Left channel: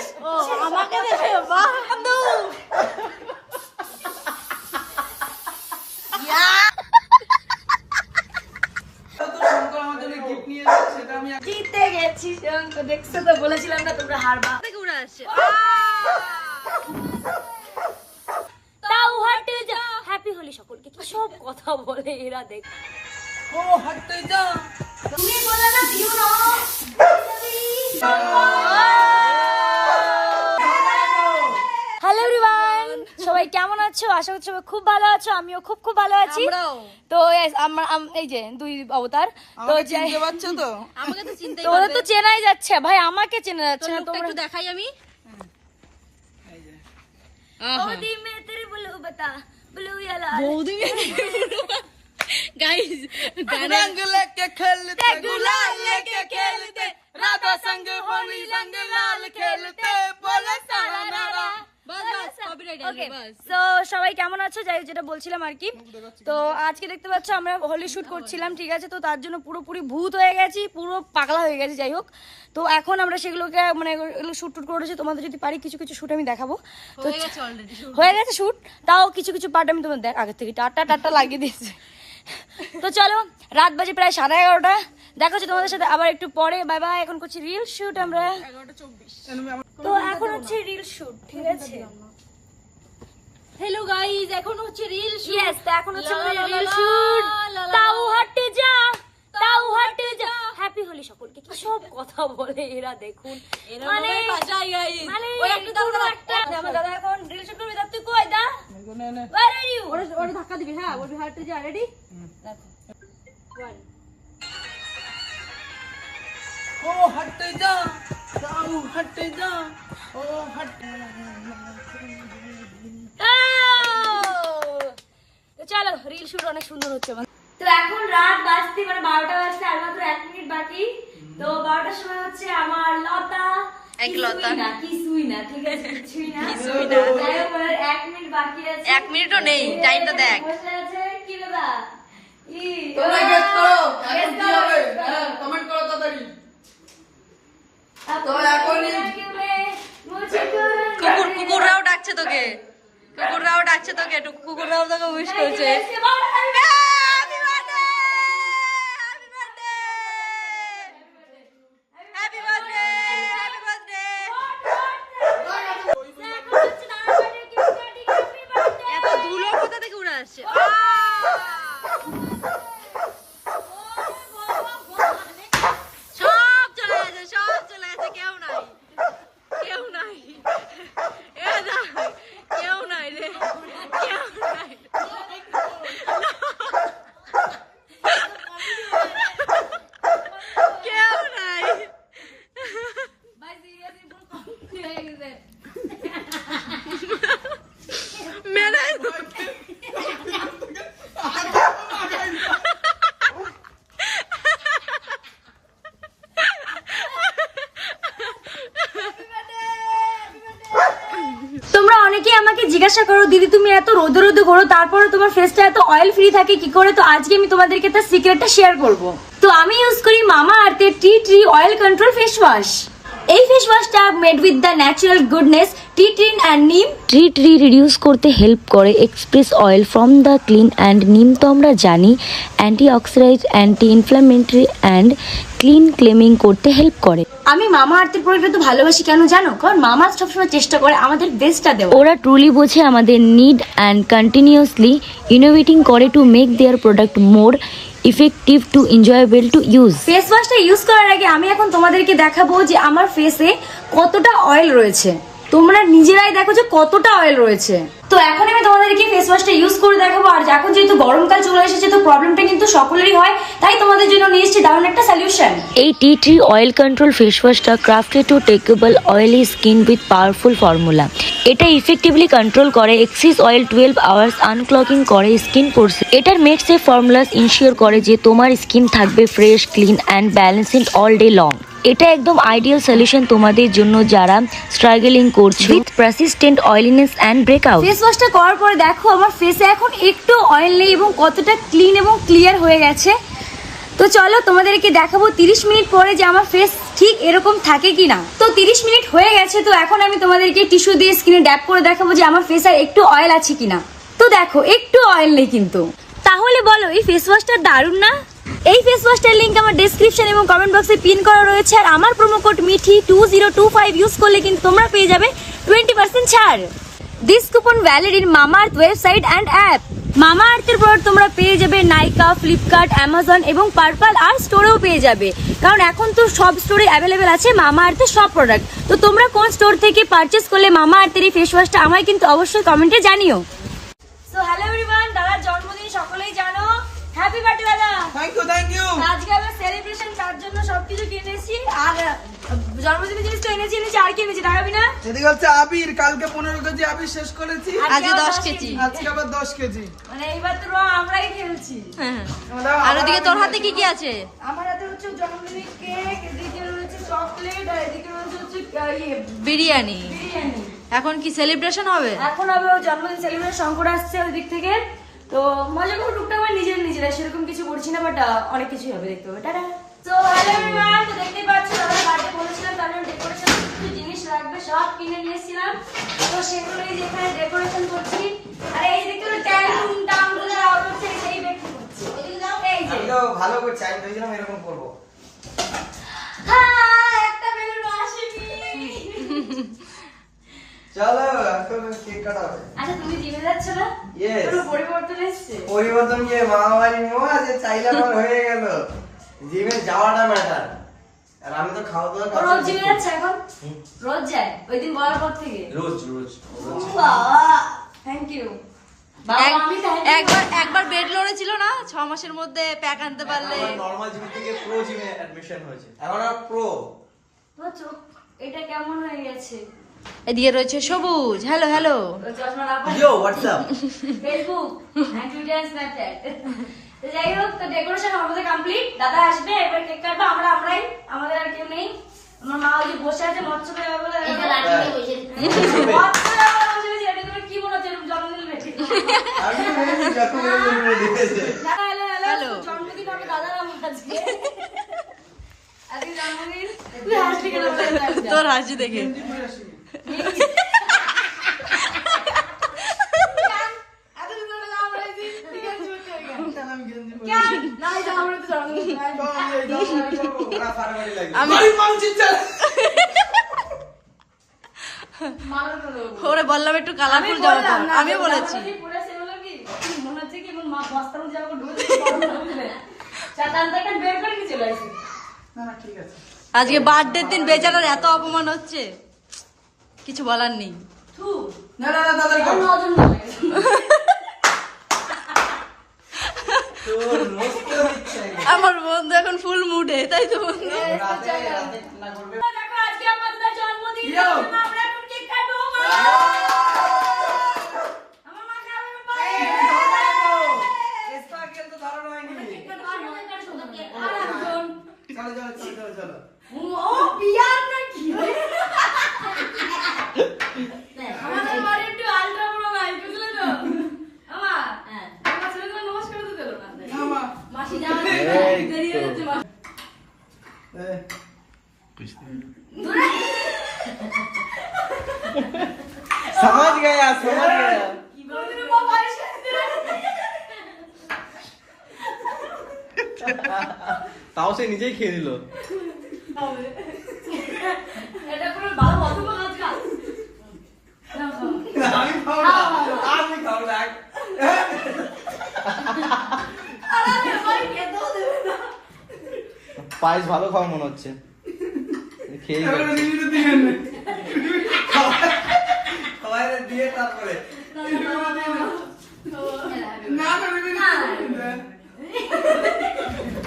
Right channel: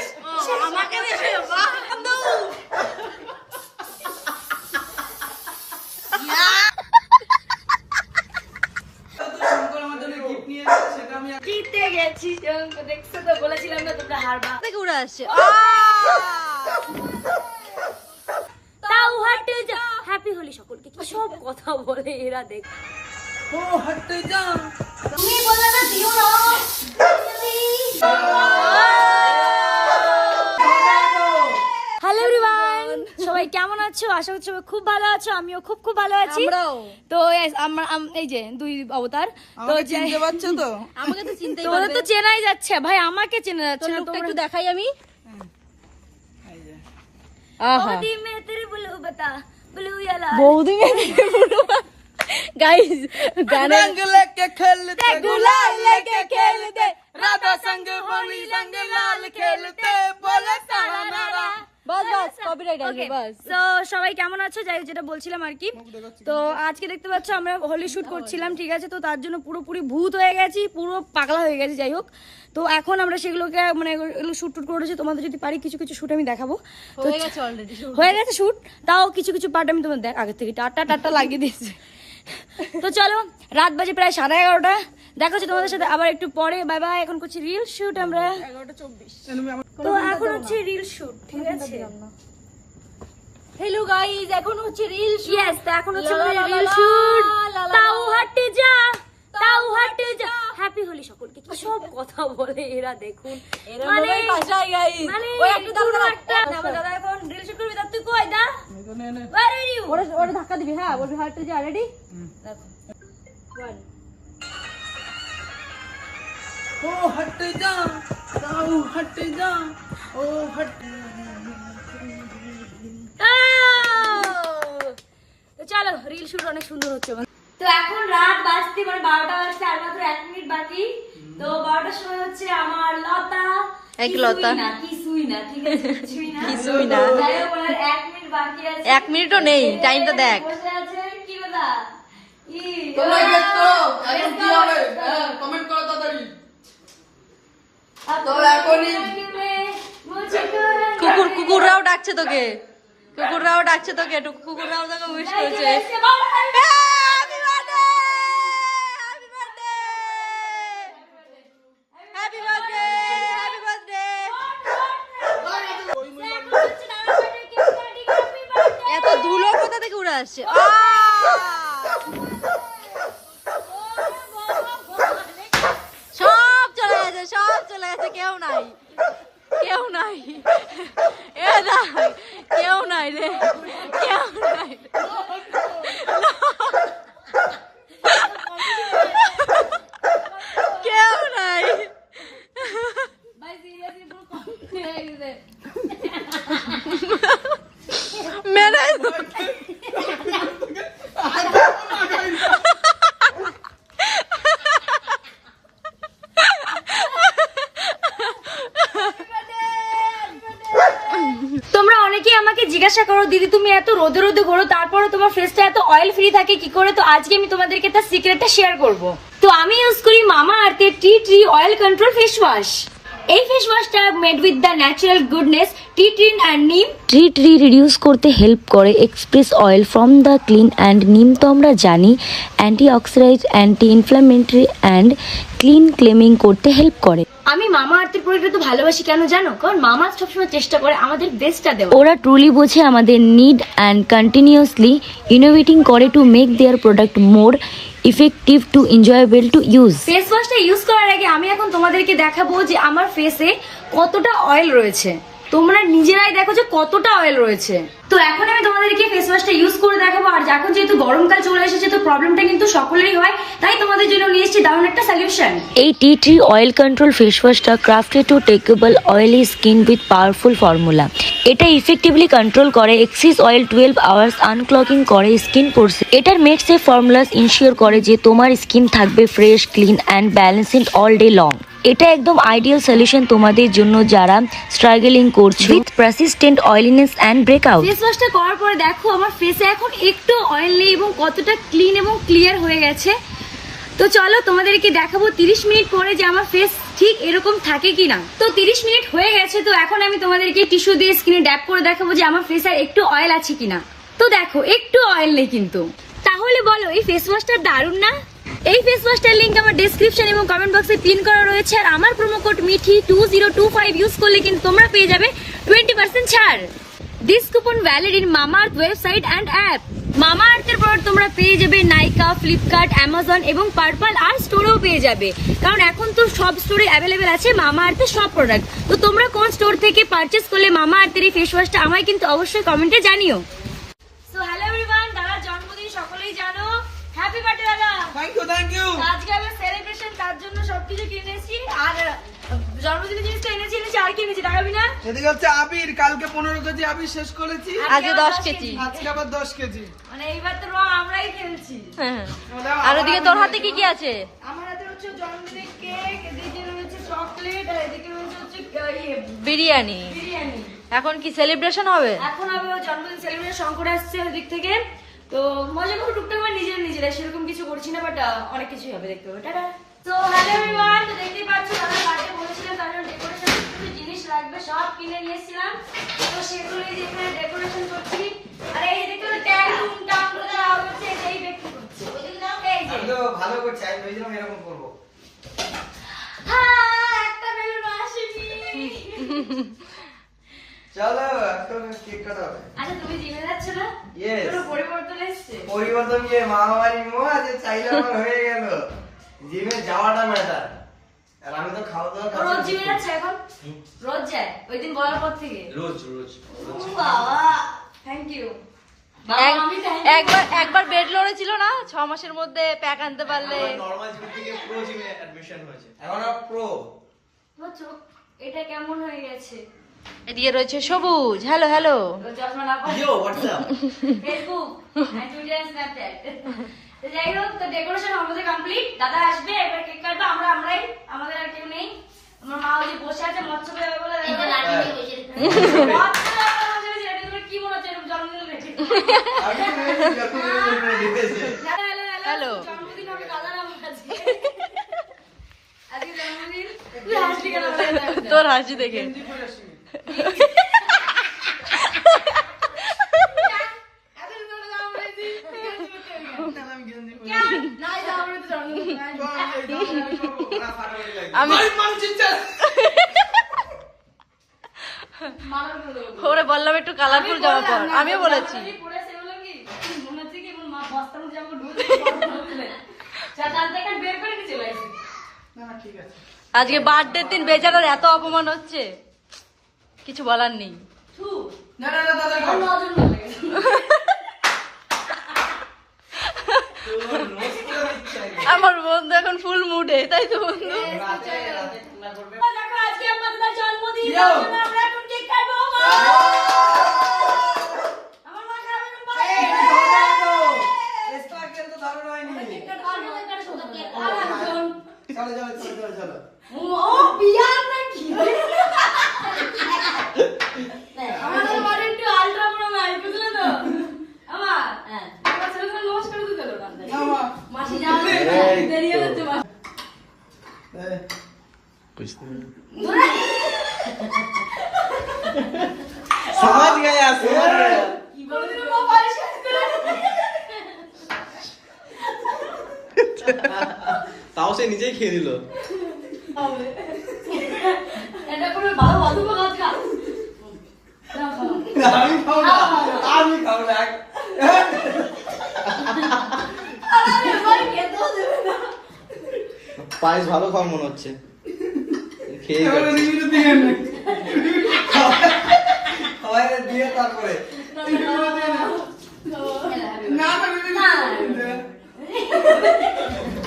শেষ আমাকে দেখে বাহাদু জিতে গেছি দেখছ তো বলেছিলাম না তোমরা হারবা। থেকে উড়ে আসছে। তাও হাঁটে যা। হ্যাপি হলি সকলকে। কি সব কথা বলে এরা দেখ। তুমি না দিও না হ্যালো এভরিওয়ান সবাই কেমন আছো আশা করছি সবাই খুব ভালো আছো আমিও খুব খুব ভালো আছি আমরাও। তো yes, আমরা আম- এই যে দুই অবতার তো যে- পারছো তো আমাকে তো চিনতেই তোমাদের তো চেনাই যাচ্ছে ভাই আমাকে চেনা যাচ্ছে না তোমরা তোমরা একটু দেখাই আমি বৌদি মে তেরে ব্লু বতা ব্লু या लाल বৌদি গাইস रंग लेके खेलते गुलाल लेके खेलते, राधा संग होली रंग लाल खेलते তো সবাই কেমন আছো? যাই হোক যেটা বলছিলাম আর কি। তো আজকে দেখতে পাচ্ছ আমরা হোলি শুট করছিলাম ঠিক আছে? তো তার জন্য পুরোপুরি ভূত হয়ে গেছি পুরো পাগলা হয়ে গেছে যাই হোক। তো এখন আমরা সেগুলোকে মানে এগুলো শুট টুট করেছি তোমাদের যদি পারি কিছু কিছু শুট আমি দেখাবো। তো হয়ে গেছে শুট তাও কিছু কিছু পার্ট আমি তোমার দেখ আগে থেকে টাটা টাটা লাগিয়ে দিয়েছি। তো চলো রাত বাজে প্রায় সাড়ে এগারোটা। দেখা হচ্ছে তোমাদের সাথে আবার একটু পরে। বাই বাই এখন করছি রিল শুট আমরা। তো এখন হচ্ছে রিল শুট ঠিক আছে? হ্যালো গাইস এখন হচ্ছে রিল শুট यस তা এখন হচ্ছে আমাদের রিল শুট তাও হাঁটে যা তাও হাঁটে যা। হ্যাপি হোলি সকলকে। কি সব কথা বলে এরা দেখুন। মানে মানে ওই একটু দাও একটা আমার দাদা এখন রিল শুট করবে তুই কই দা? ওয়ার আর ইউ ওরে ওরে ধাক্কা দিবি হ্যাঁ বলবি হাঁটে যা রেডি দেখো ও হট যা তাও হট যা ও হট অনেক সুন্দর হচ্ছে। তো এখন রাত বাজতে মানে বারোটা বাজতে আর মাত্র এক মিনিট বাকি। তো বারোটার সময় হচ্ছে আমার লতা। এক লতা। না কিছুই না ঠিক আছে? কিছুই না। কিছুই না। যাই হোক এক মিনিট বাকি আছে। এক মিনিটও নেই, টাইমটা দেখ। বসে আছে কি কথা ই তোমরা গেট করো এখন কি হবে? কমেন্ট করো তাড়াতাড়ি। কুকুর কুকুররাও ডাকছে তোকে। কুকুররাও ডাকছে তোকে কুকুররাও তোকে উইশ করছে। আসছে সব চলে গেছে সব চলে গেছে কেউ নাই কেউ নাই এ না কেউ নাই রে কেউ নাই কেউ নাই মেরে তোমরা অনেকেই আমাকে জিজ্ঞাসা করো, দিদি, তুমি এত রোদে রোদে করো তারপরে তোমার ফেসটা এত অয়েল ফ্রি থাকে, কি করে? তো আজকে আমি তোমাদেরকে তার সিক্রেটটা শেয়ার করব। তো আমি ইউজ করি মামা আর্থের tea tree oil control face wash এই face ওয়াশটা made with the natural goodness tea tree and neem tree tree reduce করতে হেল্প করে express oil from the clean and neem তো আমরা জানি anti oxidize anti inflammatory and clean calming করতে help করে। আমি মামা আর্থের প্রোডাক্ট তো ভালোবাসি কেন জানো? কারণ মামা সবসময় চেষ্টা করে আমাদের বেস্টটা দেওয়া ওরা ট্রুলি বোঝে আমাদের নিড অ্যান্ড কন্টিনিউয়াসলি ইনোভেটিং করে to make their product more effective to enjoyable to use face ওয়াশটা use করার আগে আমি এখন তোমাদেরকে দেখাবো যে আমার ফেসে কতটা অয়েল রয়েছে। তোমরা নিজেরাই দেখো যে কতটা অয়েল রয়েছে। তো এখন আমি তোমাদেরকে ফেস ওয়াশটা ইউজ করে দেখাবো। আর এখন যেহেতু গরমকাল চলে এসেছে, তো প্রবলেমটা কিন্তু সকলেরই হয়। তাই তোমাদের জন্য নিয়ে এসেছি দারুণ একটা সলিউশন এই tea tree oil control face ওয়াশটা crafted to tackle oily skin with powerful formula এটা ইফেক্টিভলি কন্ট্রোল করে excess oil twelve hours unclogging করে স্কিন পোর্সে এটার মেড সেফ ফর্মুলাস ইনশিওর করে যে তোমার স্কিন থাকবে fresh clean and balanced all day long এটা একদম আইডিয়াল সলিউশন তোমাদের জন্য যারা স্ট্রাগলিং করছ। With persistent oiliness and breakout face ওয়াশটা করার পরে দেখো আমার ফেসে এখন একটু অয়েল নেই এবং কতটা ক্লিন এবং ক্লিয়ার হয়ে গেছে। তো চলো তোমাদেরকে দেখাবো 30 মিনিট পরে যে আমার ফেস ঠিক এরকম থাকে কিনা। তো 30 মিনিট হয়ে গেছে তো এখন আমি তোমাদেরকে টিস্যু দিয়ে স্কিনে ড্যাপ করে দেখাবো যে আমার ফেসে একটু অয়েল আছে কিনা। তো দেখো একটু অয়েল নেই কিন্তু। তাহলে বলো এই ফেস ওয়াশটা দারুণ না? এই ফেস ওয়াশটার লিংক আমার ডেসক্রিপশন এবং কমেন্ট বক্সে পিন করা রয়েছে। আর আমার promo code Mithi two zero two five use করলে কিন্তু তোমরা পেয়ে যাবে টোয়েন্টি পার্সেন্ট ছাড়। This coupon valid in Mamaearth website and app মামা আর্থের প্রোডাক্ট তোমরা পেয়ে যাবে নাইকা ফ্লিপকার্ট অ্যামাজন এবং পার্পল আর স্টোরেও পেয়ে যাবে। কারণ এখন তো সব স্টোরে অ্যাভেলেবেল আছে মামা আর্থের সব প্রোডাক্ট তো তোমরা কোন স্টোর থেকে পারচেস করলে মামা আর্থের এই ফেস ওয়াশটা আমায় কিন্তু অবশ্যই কমেন্টে জানিও সো হ্যালো এভরিওয়ান দাদার জন্মদিন সকলেই জানো হ্যাপি বার্থডে দাদা থ্যাংক ইউ থ্যাংক ইউ আজকে আমি সেলিব্রেশন তার জন্য সবকিছু কিনেছি আর জন্মদিনের জিনিস তো এনেছি এনেছি আর কি এনেছি না? এদিকে হচ্ছে আবির কালকে পনেরো কেজি আবির শেষ করেছি। আজকে দশ কেজি। আজকে আবার দশ কেজি। মানে এইবার তো আমরাই খেলছি। আর ওদিকে তোর হাতে কি কি আছে? আমার হাতে হচ্ছে জন্মদিনের কেক এদিকে রয়েছে চকলেট আর এদিকে রয়েছে হচ্ছে ইয়ে বিরিয়ানি। বিরিয়ানি। এখন কি সেলিব্রেশন হবে? এখন হবে ওর জন্মদিন সেলিব্রেশন শঙ্কর আসছে ওই দিক থেকে। তো মজা করে টুকটাক করে নিজের নিজেরা সেরকম কিছু করছি না বাট অনেক কিছুই হবে দেখতে হবে টাটা। তো হ্যালো এভরিওয়ান তো দেখতে পাচ্ছি দাদা বার্থডে বলেছিলাম তার জন্য ডেকোরেশন কিছু জিনিস লাগবে সব কিনে নিয়ে এসেছিলাম তো সেগুলো এখানে ডেকোরেশন করছি। আর এই দেখতে পাচ্ছি ট্যাং টুং টাং বলে আওয়াজ হচ্ছে এটাই দেখতে করছি এই যে। তো ভালো করছি আমি ভেবেছিলাম এরকম করব। হ্যাঁ একটা বেলুন আসেনি। চলো এখন কেক কাটা হবে। আচ্ছা তুমি জিমে যাচ্ছ না? Yes. কোনো পরিবর্তন এসছে? পরিবর্তন গিয়ে মামাবাড়ি মোয়া যে চাইলে আমার হয়ে গেল। জিমে যাওয়াটা ম্যাটার আর আমি তো খাওয়া দাওয়া রোজ জিমে যাচ্ছে এখন? রোজ যায়? ওই দিন বলার পর থেকে? রোজ রোজ। থ্যাংক ইউ একবার একবার বেড লড়ে ছিল না? ছ মাসের মধ্যে প্যাক আনতে পারলে। নরমাল জিম থেকে প্রো জিমে অ্যাডমিশন হয়েছে। এখন আর প্রো তোমার চোখ এটা কেমন হয়ে গেছে? এদিকে রয়েছে সবুজ হ্যালো হ্যালো। ওই চশমা না পরে হোয়াটসঅ্যাপ ফেসবুক আর টুইটার স্ন্যাপচ্যাট তো যাই হোক তো ডেকোরেশন আমাদের কমপ্লিট দাদা আসবে এবার কেক কাটবো। আমরা আমরাই। আমাদের আর কেউ নেই। আমার মা ওই বসে আছে মৎস্য বলে। কি মনে হচ্ছে জন্মদিন হ্যালো। জন্মদিন হবে দাদার আমার? তোর হাসি দেখে। আমি। ওরা বললাম একটু কালারফুল জামা পর। আমিও বলেছি। মনে আজকে বার্থডে দিন বেচারার এত অপমান হচ্ছে। কিছু বলার নেই না না না পায়েস ভালো খাওয়া মনে হচ্ছে খেয়ে দিয়ে নে। সবাই দিয়ে তারপরে।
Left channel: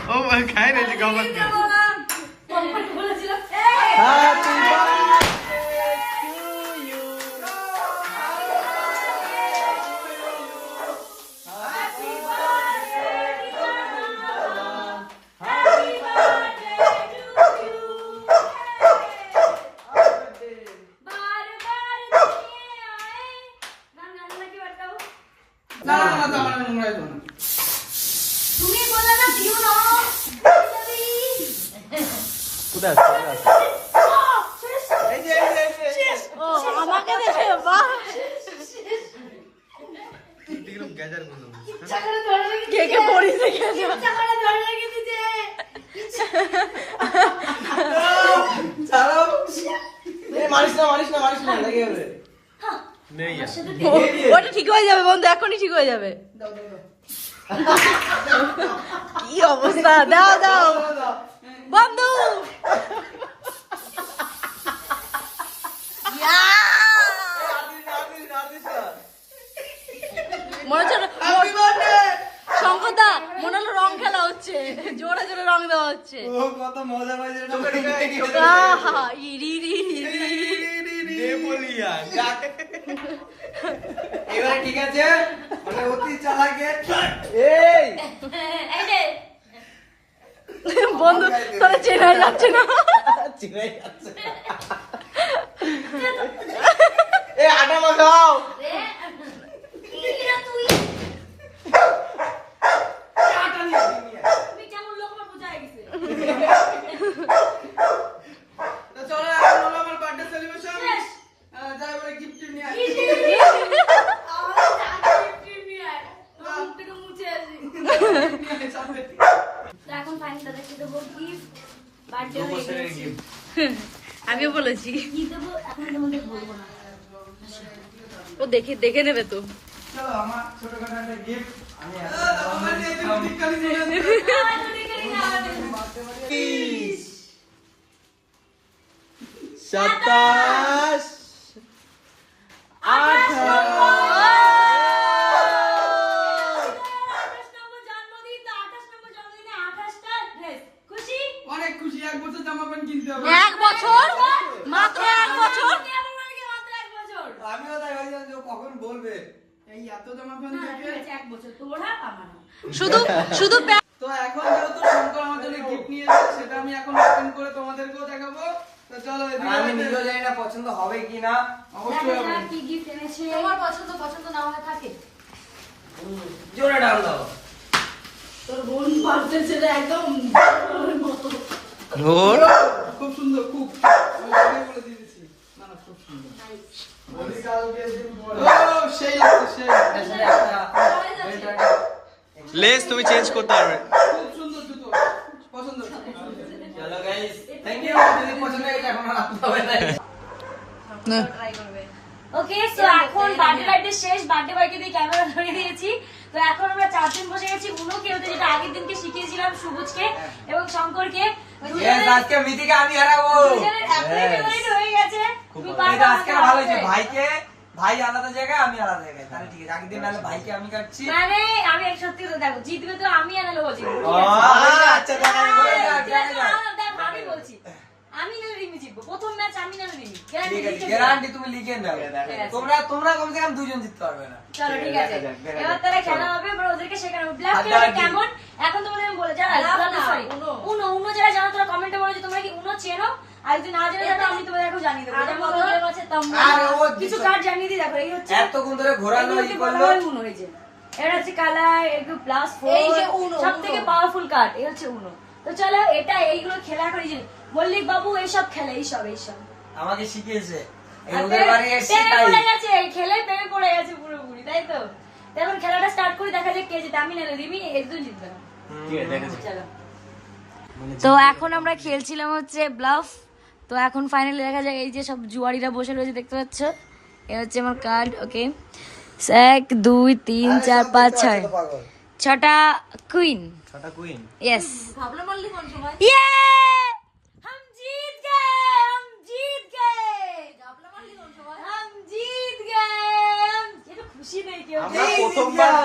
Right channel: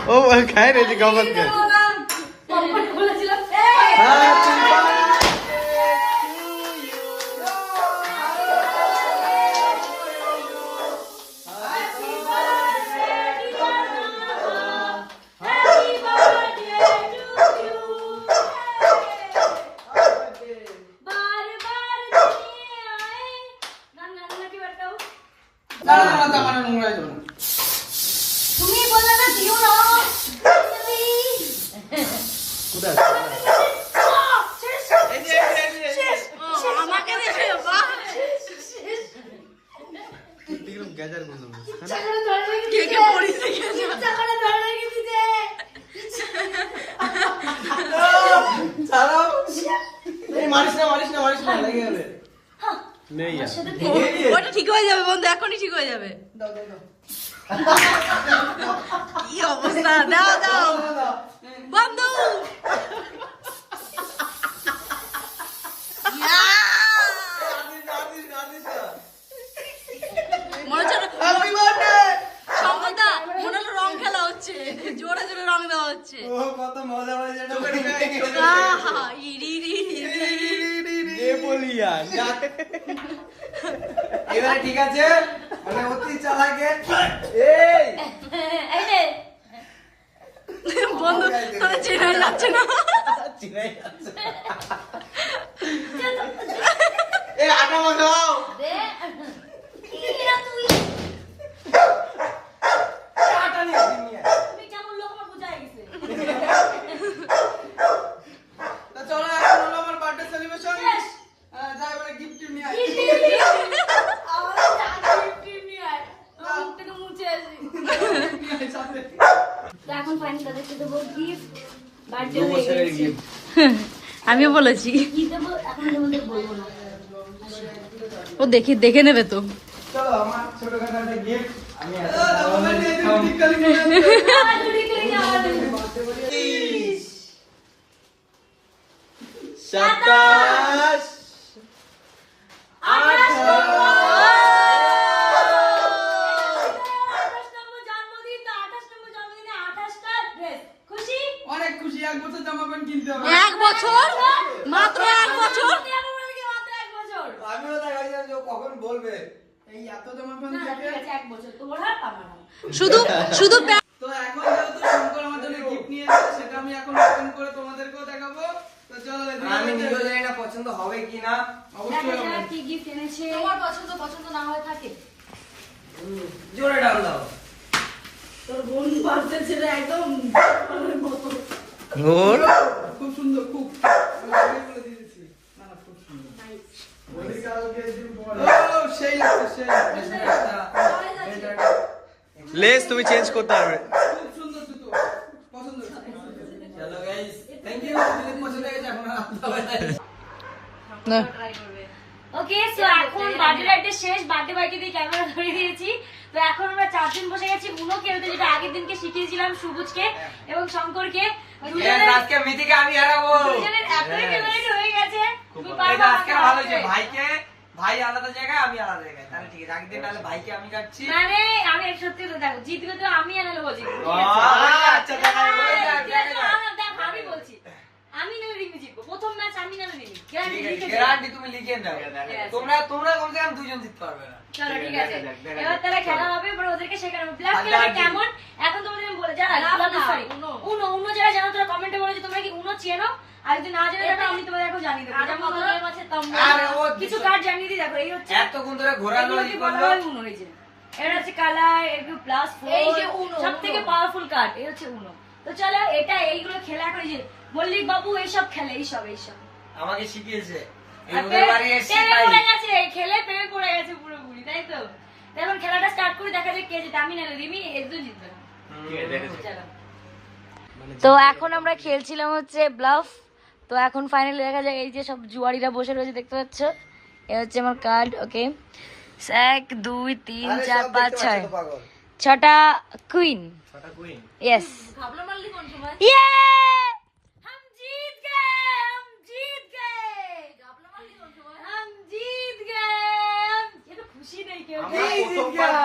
ও খাই রেছি খাবার কে কে পড়িস দেখেছ চালাও। এই মারিস না মারিস না মারিস না লেগে যাবে। ওটা ঠিক হয়ে যাবে বন্ধু এখনই ঠিক হয়ে যাবে। কি অবস্থা? দাও দাও বন্ধু! মনে হচ্ছে শঙ্করদা মনে হলো রং খেলা হচ্ছে। জোরে জোরে রং দেওয়া হচ্ছে। কত মজা এবারে ঠিক আছে? মানে অতি চালাকে। এই! এই যে। বন্ধু তোরা চেনা যাচ্ছে না। চিনে যাচ্ছে এ আটা মাখাও কিরা তুই আটা নিয়ে আয়, নিয়ে আয়। তুমি কেমন লোক আমার বুঝাই গেছে তো চলো এখন হলো আমার বার্থডে সেলিব্রেশন Yes. যা এবারে গিফট নিয়ে আয় আমার জানি প্রিমি আর আমার মুখ থেকে মুছে আসি তো এখন ফাইনাল দাদাকে দেবো গিফট বার্থডে দু হয়ে বছরের গেছে gift। আমিও বলেছি কি দেবো এখন তোমাদের বলব না ও দেখি দেখে নেবে তো। চলো আমার ছোটখাটো একটা। আমি। সাতাশ। এক বছর? মাত্র এক বছর কেমন লাগে মাত্র এক বছর আমিও তাই ভাবছিলাম কখন বলবে। এই এত জামা প্যান্ট থেকে এক বছর। তোমার হাত আমার শুধু শুধু তো এখন যেহেতু শঙ্কর আমার জন্য গিফট নিয়ে এসেছে সেটা আমি এখন ওপেন করে তোমাদেরকেও দেখাবো। তো চলো আমি নিজেও জানি না পছন্দ হবে কি না। অবশ্যই দেখো হবে। যাক কি gift এনেছে। তোমার পছন্দ পছন্দ না হয়ে থাকে। জোরে ডাল দাও। তোর বোন একদম সুন্দর খুব আমি আগেই বলে দিয়েছি না না খুব সুন্দর ও সেই লাগছে সেই লেস তুমি চেঞ্জ করতে পারবে। না। ওকে সো এখন বার্থডে রাইডে শেষ বার্থডে বাইকে দিয়ে ক্যামেরা ধরে দিয়েছি। তো এখন আমরা চারজন বসে গেছি উনো খেলতে যেটা আগের দিনকে শিখিয়েছিলাম সবুজকে এবং শঙ্করকে। আজকে মিতিকে আমি হারাবো। দুজনের এতই ফেভারিট হয়ে গেছে। তুমি পারবে আজকে ভালো হয়েছে। ভাইকে ভাই আলাদা জায়গায় আমি আলাদা জায়গায়। তাহলে ঠিক আছে আগের দিন নাহলে ভাইকে আমি কাটছি। মানে আমি এক সত্যি কথা দেখো জিতবে তো আমি আনালে বলছি আচ্ছা আমি। আমি বলছি আমি নাহলে রিমি জিতবো। প্রথম ম্যাচ আমি নাহলে রিমি ঠিক আছে গ্যারান্টি তুমি লিখে নাও। তোমরা তোমরা কমসে কম দুইজন জিততে পারবে না। চলো ঠিক আছে। এবার তাহলে খেলা হবে এবার ওদেরকে শেখানো ব্ল্যাক কালার কেমন? এখন তোমাদের আমি বলে যারা সরি উনো উনো যারা জানো তোরা কমেন্টে বলো যে তোমরা কি উনো চেনো? আর যদি না জেনে থাকো আমি তোমাদের এখন জানিয়ে দেবো। যেমন ধরো, আরে ও কিছু কার্ড জানিয়ে দিই দেখো এই হচ্ছে এতক্ষণ ধরে ঘোরাঘুরি এগুলোকে বলা হয় উনো এই যে। এটা হচ্ছে কালার একটু প্লাস ফোর সব থেকে পাওয়ারফুল কার্ড এই হচ্ছে উনো। তো চলো এটা এইগুলো খেলা করি যে মল্লিক বাবু এইসব খেলে এইসব এইসব। আমাকে শিখিয়েছে। খেলে প্রেমে পড়ে গেছে পুরোপুরি তাই তো? এখন খেলাটা স্টার্ট করি দেখা যাক কে জিতে। আমি না রিমি একজন জিতবে। না। ঠিক আছে দেখেছি চলো। তো এখন আমরা খেলছিলাম হচ্ছে ব্লাফ তো এখন ফাইনালি দেখা যায় এই যে সব জুয়ারিরা বসে রয়েছে দেখতে পাচ্ছ? এ হচ্ছে আমার কার্ড ওকে এক দুই তিন চার পাঁচ ছয়। ছটা কুইন ইয়েস খুশি নেই কেউ খেলা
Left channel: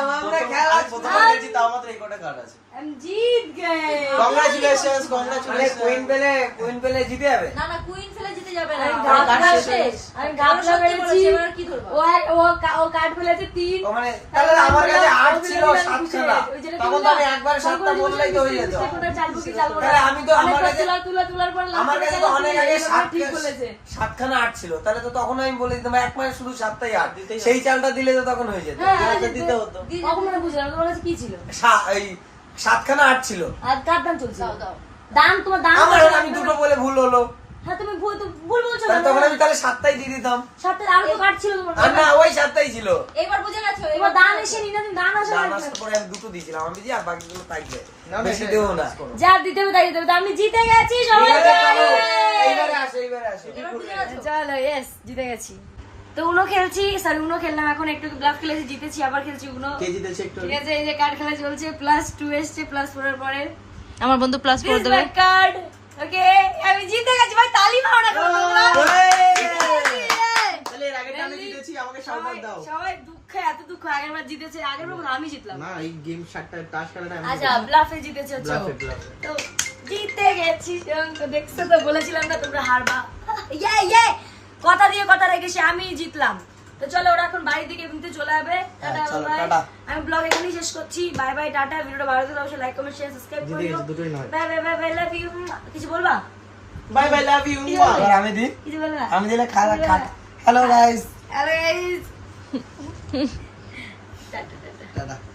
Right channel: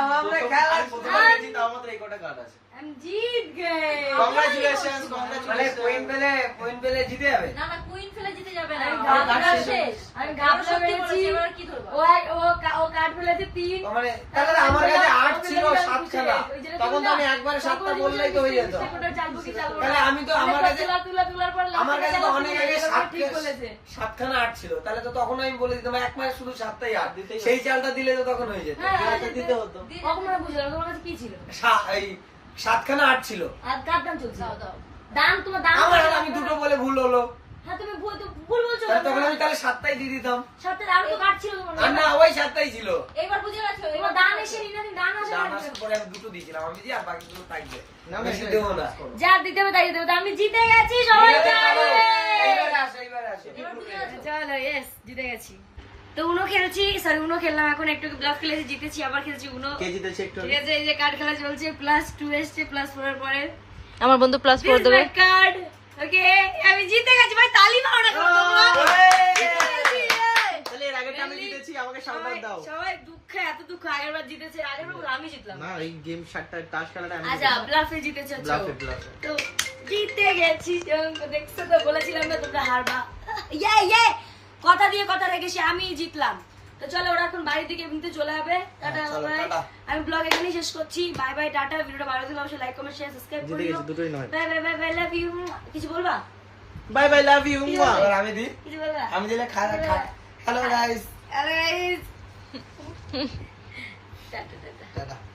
আছে। हम जीत गए কংগ্রাচুলেশনস কংগ্রাচুলেশনস কুইন পেলে কুইন পেলে জিতে যাবে না না কুইন ফেলে জিতে যাবে না আমি গাবলা শেষ আমি গাবলা সত্যি মেরেছি বলেছে, এবার কি ধরবো? ও এক- ও কা- ও কার্ড ফেলেছে তিন মানে তাহলে আমার কাছে আট ছিল ওই জন্য সাতখানা ওই জন্য তখন তো আমি একবারে সাতটা বললেই তো হয়ে যেত কোনটা চালবো কি চালবো না তাহলে আমি তো আমার অনেকবার কাছে- তুলা তুলা তুলার পর last আমার এ কাছে তো চালা অনেক তুলে আগে এভাবে সাত ঠিক বলেছে সাতখানা আট ছিল তাহলে তো তখন আমি বলে দিতাম এক মাসে শুধু সাতটাই আট সেই চালটা দিলে তো তখন হয়ে যেত হ্যাঁ, দিতে হতো কখন মনে বুঝলাম তোমার কাছে কি ছিল সা- এই সাতখানা আট ছিল। আর কার দাম চলছিল তোমার দান আমার আমি দুটো বলে ভুল হলো। হ্যাঁ তুমি ভুল ভুল বলছো তখন আমি তাহলে সাতটাই দিয়ে দিতাম। সপ্তাহে আরও তো কাট ছিল তোমার না ওই সাতটাই ছিল। এবার বুঝে গেছো তোমার দান এসে নি তুমি দান আসে দাম আসার পরে আমি দুটো দিয়েছিলাম আমি দিয়ে আর বাকিগুলো থাকবে বেশি দেবো না। যা দিতে হবে তাই দিতে আমি জিতে গেছি সবাইকে এইবারে আসো এইবারে আসো চলো ইয়েস জিতে গেছি। তো উনো খেলছি সরি উনো খেললাম এখন একটু ব্লাফ খেলেছি জিতেছি আবার খেলছি উনো। কে জিতেছে একটু? ঠিক আছে এই যে কার্ড খেলা চলছে প্লাস টু এসছে প্লাস ফোর পরে। আমার বন্ধু প্লাস করে দেবে। কার্ড ওকে আমি জিতে গেছি ভাই তালি মারো না কেন তোমরা? তাহলে এর আগেটা আমি জিতেছি আমাকে সম্মান সবাই দাও। সবাই দুঃখে এত দুঃখ আগের বার জিতেছে আগের বার আমি জিতলাম। না এই গেম শার্টটা টাস খেলাটা আমি আচ্ছা ব্লাফে জিতেছে ব্লাফে। তো জিতে গেছি তো দেখছ তো বলেছিলাম না তোমরা হারবা। ইয়ে ইয়ে কথা দিয়ে কথা রেখেছি আমি জিতলাম। তো চলো ওরা এখন বাড়ির দিকে এমনিতে চলে যাবে। টাটা বাই আমি ব্লগ এখানেই শেষ করছি। Bye bye tata. ভিডিওটা ভালো লাগলে অবশ্যই লাইক কমেন্ট শেয়ার সাবস্ক্রাইব করিও। Bye bye bye bye love you কিছু বলবা? বাই বাই লাভ ইউ এবার আমি দি? আমি দিলে খারা খা। Hello guys hello guys tata tata.